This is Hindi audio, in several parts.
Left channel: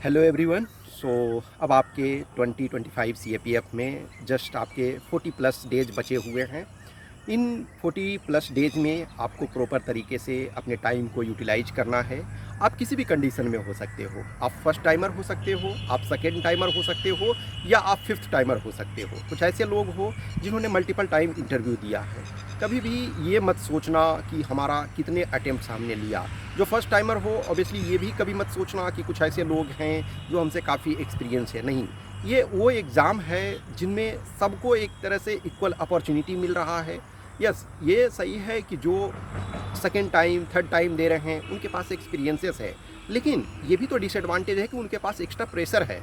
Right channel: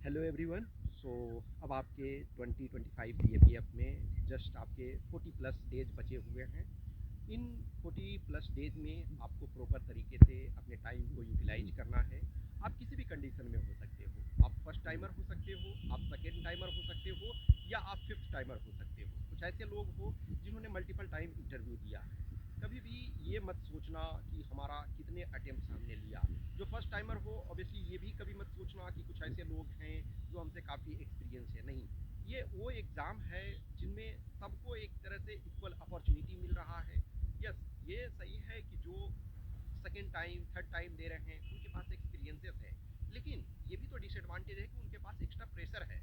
Hello everyone. सो अब आपके 2025 सीएपीएफ में जस्ट आपके 40 प्लस डेज बचे हुए हैं। इन 40 प्लस डेज में आपको प्रॉपर तरीके से अपने टाइम को यूटिलाइज करना है। आप किसी भी कंडीशन में हो सकते हो। आप फर्स्ट टाइमर हो सकते हो, आप सेकेंड टाइमर हो सकते हो, या आप फिफ्थ टाइमर हो सकते हो। कुछ ऐसे लोग हो जिन्होंने मल्टीपल टाइम इंटरव्यू दिया है। कभी भी ये मत सोचना कि हमारा कितने अटेम्प्ट हमने लिया। जो फर्स्ट टाइमर हो ऑब्वियसली ये भी कभी मत सोचना कि कुछ ऐसे लोग हैं जो हमसे काफ़ी एक्सपीरियंस है। नहीं, ये वो एग्ज़ाम है जिनमें सबको एक तरह से इक्वल अपॉर्चुनिटी मिल रहा है। यस, ये सही है कि जो सेकेंड टाइम थर्ड टाइम दे रहे हैं उनके पास एक्सपीरियंसेस है, लेकिन ये भी तो डिसएडवांटेज है कि उनके पास एक्स्ट्रा प्रेशर है।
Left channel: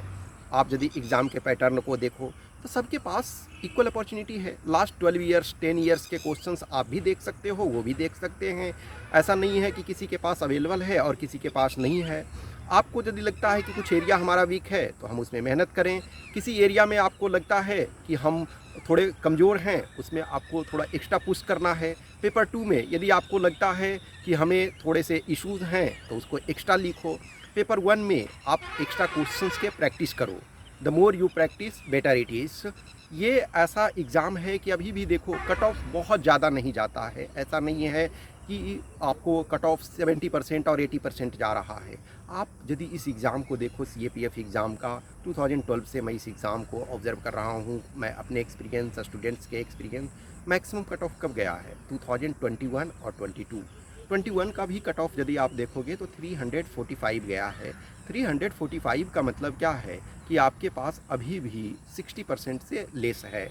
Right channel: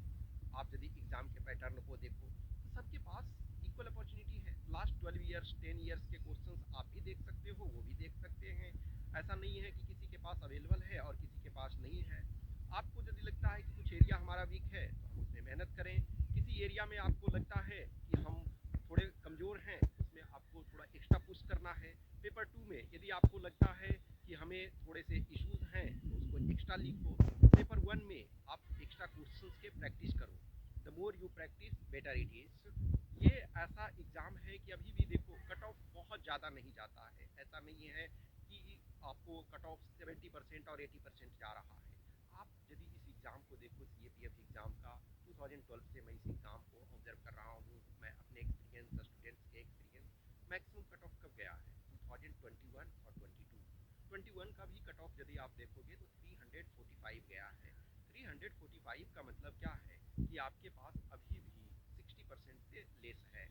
आप यदि एग्ज़ाम के पैटर्न को देखो तो सबके पास इक्वल अपॉर्चुनिटी है। लास्ट 12 ईयर्स 10 ईयर्स के क्वेश्चंस आप भी देख सकते हो, वो भी देख सकते हैं। ऐसा नहीं है कि किसी के पास अवेलेबल है और किसी के पास नहीं है। आपको यदि लगता है कि कुछ एरिया हमारा वीक है तो हम उसमें मेहनत करें। किसी एरिया में आपको लगता है कि हम थोड़े कमज़ोर हैं, उसमें आपको थोड़ा एक्स्ट्रा पुश करना है। पेपर 2 में यदि आपको लगता है कि हमें थोड़े से इश्यूज़ हैं तो उसको एक्स्ट्रा लिखो। पेपर 1 में आप एक्स्ट्रा क्वेश्चंस के प्रैक्टिस करो। The more you practice better it is. ये ऐसा एग्ज़ाम है कि अभी भी देखो कट ऑफ बहुत ज़्यादा नहीं जाता है। ऐसा नहीं है कि आपको कट ऑफ 70% और 80% जा रहा है। आप यदि इस एग्ज़ाम को देखो, सीएपीएफ एग्ज़ाम का 2012 से मैं इस एग्ज़ाम को ऑब्ज़र्व कर रहा हूँ। मैं अपने एक्सपीरियंस, स्टूडेंट्स के एक्सपीरियंस, मैक्सिमम कट ऑफ कब गया है 2021 और 22। 21 का भी कट ऑफ यदि आप देखोगे तो 345 गया है। 345 का मतलब क्या है कि आपके पास अभी भी 60% से लेस है।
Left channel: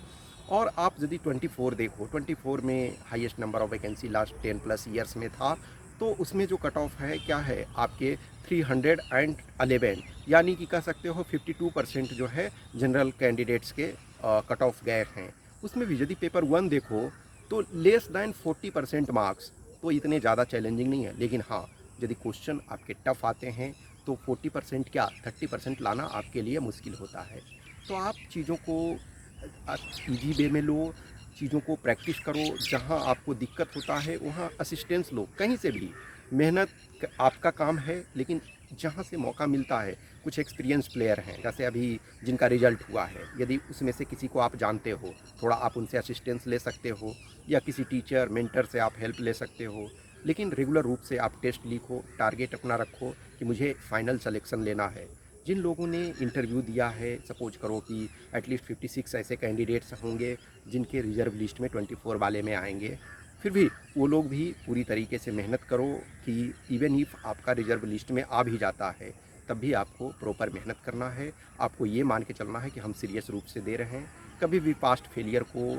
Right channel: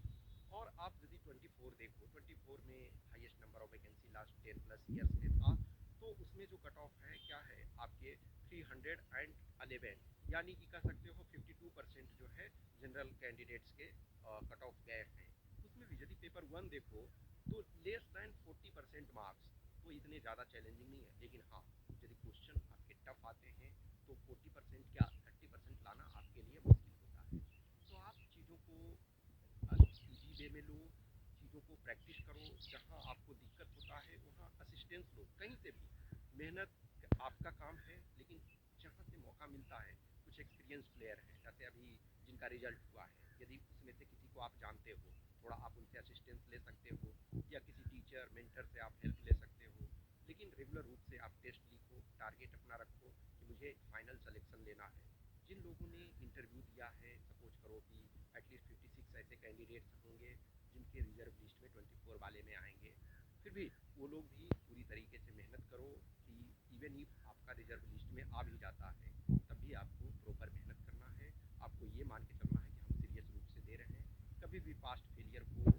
और आप यदि 24 देखो, 24 में highest number of vacancy last 10 plus years में था, तो उसमें जो कट ऑफ है क्या है आपके 311, यानी कि कह सकते हो 52% जो है जनरल कैंडिडेट्स के कट ऑफ गए हैं। उसमें भी यदि पेपर 1 देखो तो लेस दैन 40% मार्क्स, तो इतने ज़्यादा चैलेंजिंग नहीं है। लेकिन हाँ, यदि क्वेश्चन आपके टफ आते हैं तो 40% क्या 30% लाना आपके लिए मुश्किल होता है। तो आप चीज़ों को ईजी वे में लो, चीज़ों को प्रैक्टिस करो। जहाँ आपको दिक्कत होता है वहाँ असिस्टेंस लो, कहीं से भी। मेहनत आपका काम है, लेकिन जहाँ से मौका मिलता है, कुछ एक्सपीरियंस प्लेयर हैं जैसे अभी जिनका रिजल्ट हुआ है, यदि उसमें से किसी को आप जानते हो, थोड़ा आप उनसे असिस्टेंस ले सकते हो, या किसी टीचर मेंटर से आप हेल्प ले सकते हो। लेकिन रेगुलर रूप से आप टेस्ट लिखो, टारगेट अपना रखो कि मुझे फाइनल सिलेक्शन लेना है। जिन लोगों ने इंटरव्यू दिया है, सपोज करो कि एटलीस्ट 56 ऐसे कैंडिडेट्स होंगे जिनके रिजर्व लिस्ट में 24 वाले में आएंगे। फिर भी वो लोग भी पूरी तरीके से मेहनत करो कि इवन इफ़ आपका रिजर्व लिस्ट में आ भी जाता है तब भी आपको प्रॉपर मेहनत करना है। आपको ये मान के चलना है कि हम सीरियस रूप से दे रहे हैं। कभी भी पास्ट फेलियर को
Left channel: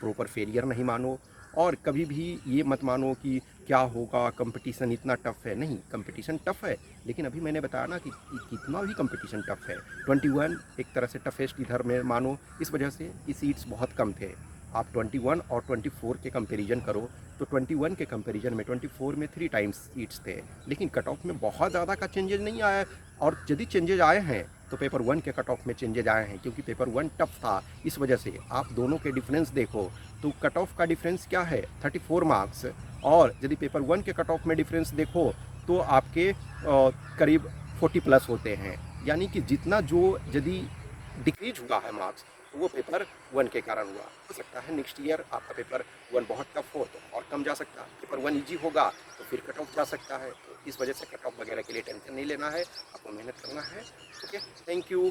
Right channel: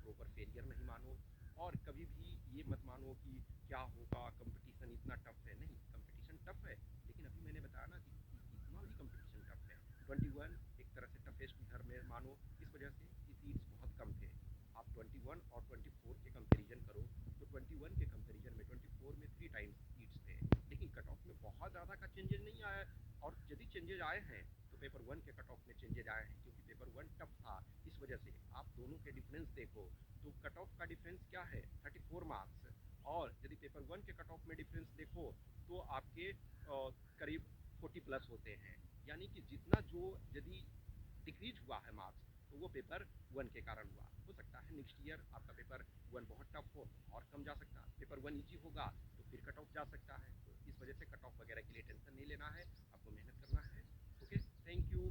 प्रॉपर फेलियर नहीं मानो, और कभी भी ये मत मानो कि क्या होगा, कंपटीशन इतना टफ़ है। नहीं, कंपटीशन टफ़ है, लेकिन अभी मैंने बताया ना कि कितना भी कंपटीशन टफ़ है। 21 एक तरह से टफेस्ट इधर में मानो, इस वजह से कि सीट्स बहुत कम थे। आप 21 और 24 के कंपैरिजन करो तो 21 के कंपैरिजन में 24 में 3 टाइम्स सीट्स थे, लेकिन कट ऑफ में बहुत ज़्यादा का चेंजेज नहीं आया। और यदि चेंजेज आए हैं तो पेपर 1 के कट ऑफ में चेंजेज आए हैं, क्योंकि पेपर 1 टफ था। इस वजह से आप दोनों के डिफरेंस देखो तो कट ऑफ का डिफरेंस क्या है 34 मार्क्स। और यदि पेपर 1 के कट ऑफ में डिफरेंस देखो तो आपके करीब 40 प्लस होते हैं। यानी कि जितना जो यदि डिक्रीज हुआ है मार्क्स, तो वो पेपर 1 के कारण हुआ। हो सकता है नेक्स्ट ईयर आपका पेपर 1 बहुत टफ हो तो और कम जा सकता है, पेपर 1 ईजी होगा तो फिर कट ऑफ जा सकता है। तो इस वजह से कट ऑफ वगैरह के लिए टेंशन नहीं लेना है, आपको मेहनत करना है। Okay, thank you.